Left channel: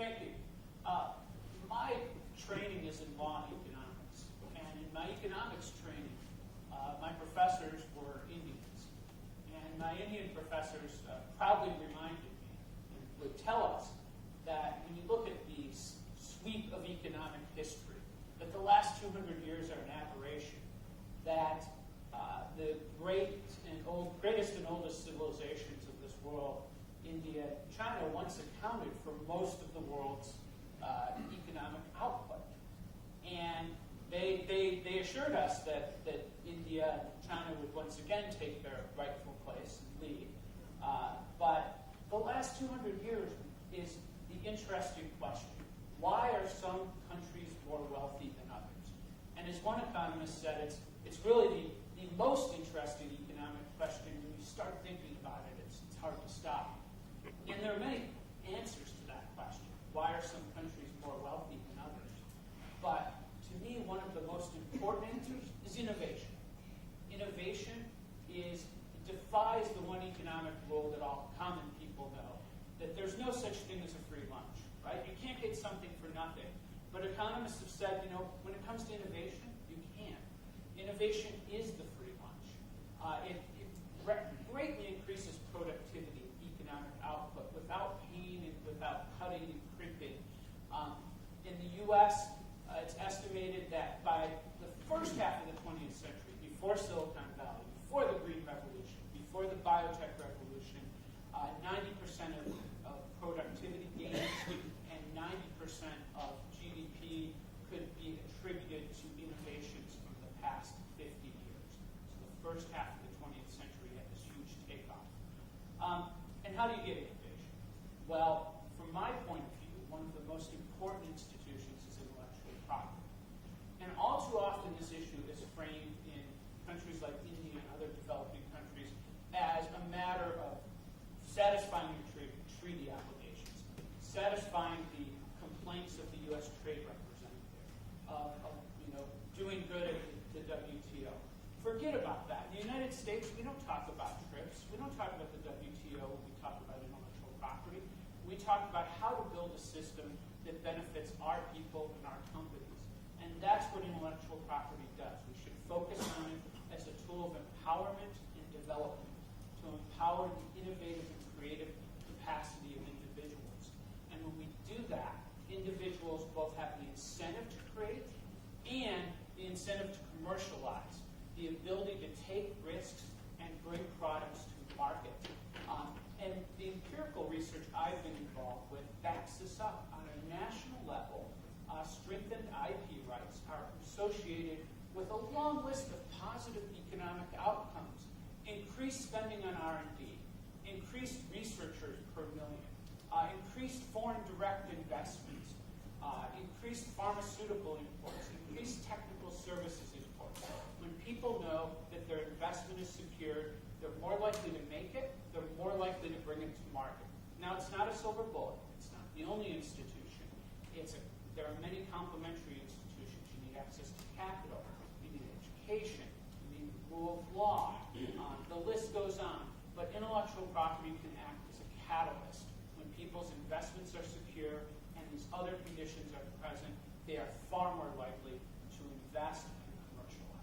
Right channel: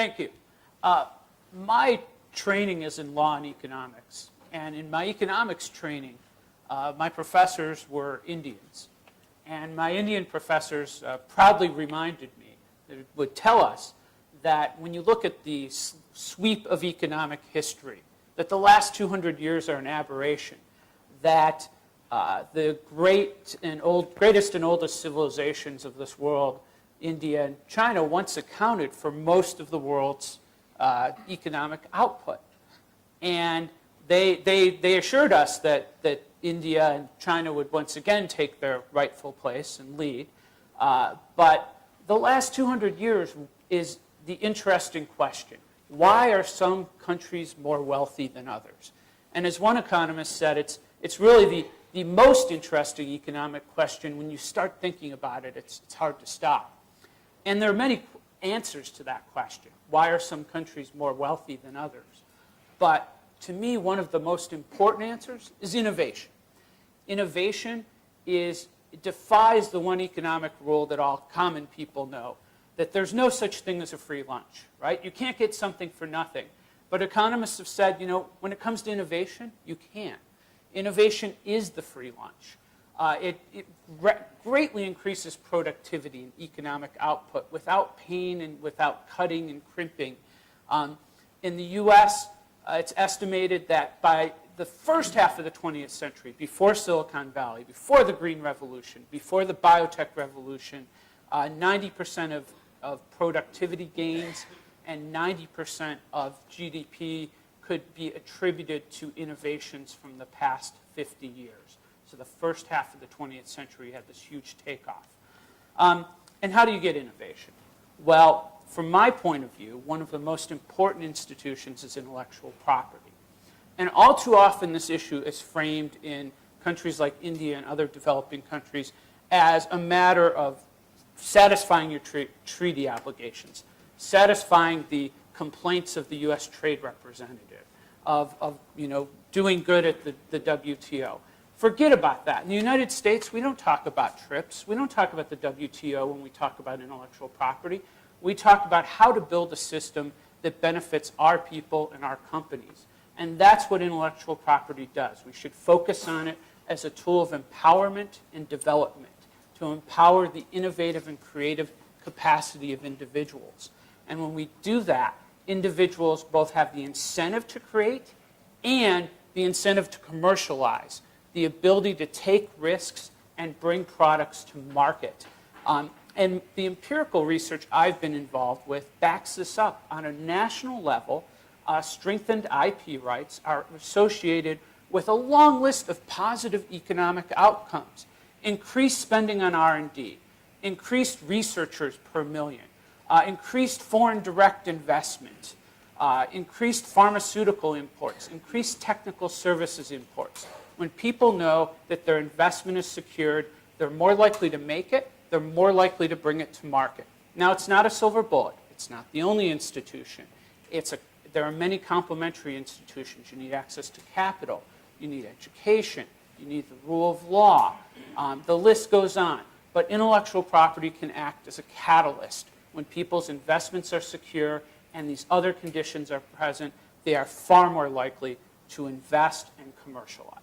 Thank you. My training is in law and economics. And in my economics training, my professors were Indians. And my Indian professors proudly reminded me, that it would tell us that when you look at the sweep of economic history, that the last 200 years are an aberration, that the greatest and oldest civilizations of this world, India and China, once accounted for most of the world's economic output. And they assured us that India and China would once again take their rightful place and lead. But the last 200 years is the interesting question. Why are some countries more wealthy than others? And as one economist said, it's really the most interesting economic question. When you start thinking about it, it's hard to stop. And there are many answers to that question. Why are some countries more wealthy than others? But to me, one of the most important answers is innovation. Innovation defies the one economic rule that all common people know, that there's no such thing as a free lunch, right? You can't get something for nothing. But economists have said, when it comes to innovation, you can. Innovation is the free lunch. It greatly increases productivity and economic output without pain and without cutting and crimping. In the US, it's estimated that by the first half of the 20th century, before Silicon Valley, before the Green Revolution, before the biotech revolution, 90% of productivity gains and 90% of GDP could be attributed to innovations from the past 50 years. So the first half of the 20th century had this huge takeoff. And how do you get innovation? Well, from my point of view, one of the most important institutions is intellectual property. And all too often this issue is framed in countries like India and other developing countries as a matter of satisfying your treaty obligations, satisfying the complaints of the US trade representative, of doing good at the WTO. Forget about that. In the United States, we don't talk about TRIPS. We don't talk about the WTO when we talk about intellectual property. We talk about how to build a system that benefits our people and our companies. And that's what intellectual property does. We should focus on it as a tool of empowerment and development, to empower the innovative and creative capacity of individuals. And when we do that, individuals both have the incentive to create and the incentive to commercialize, the ability to take risks and bring products to market. And the empirical research I've been involved with backs this up. On a national level, strengthened IP rights are associated with a long list of positive economic outcomes. Increased spending on R&D, increased researchers per million, increased foreign direct investment, increased pharmaceutical imports, increased technical services imports. When people know that their investment is secured, they're more likely to make it, they're more likely to bring it to market. Now, it's not a silver bullet. It's not the only institution. There are many complementary institutions. You need access to capital. You need education. You need the rule of law. The list goes on. But intellectual property can act as a catalyst. When people's investments are secure and these other conditions are present, they are far more likely to invest and commercialize.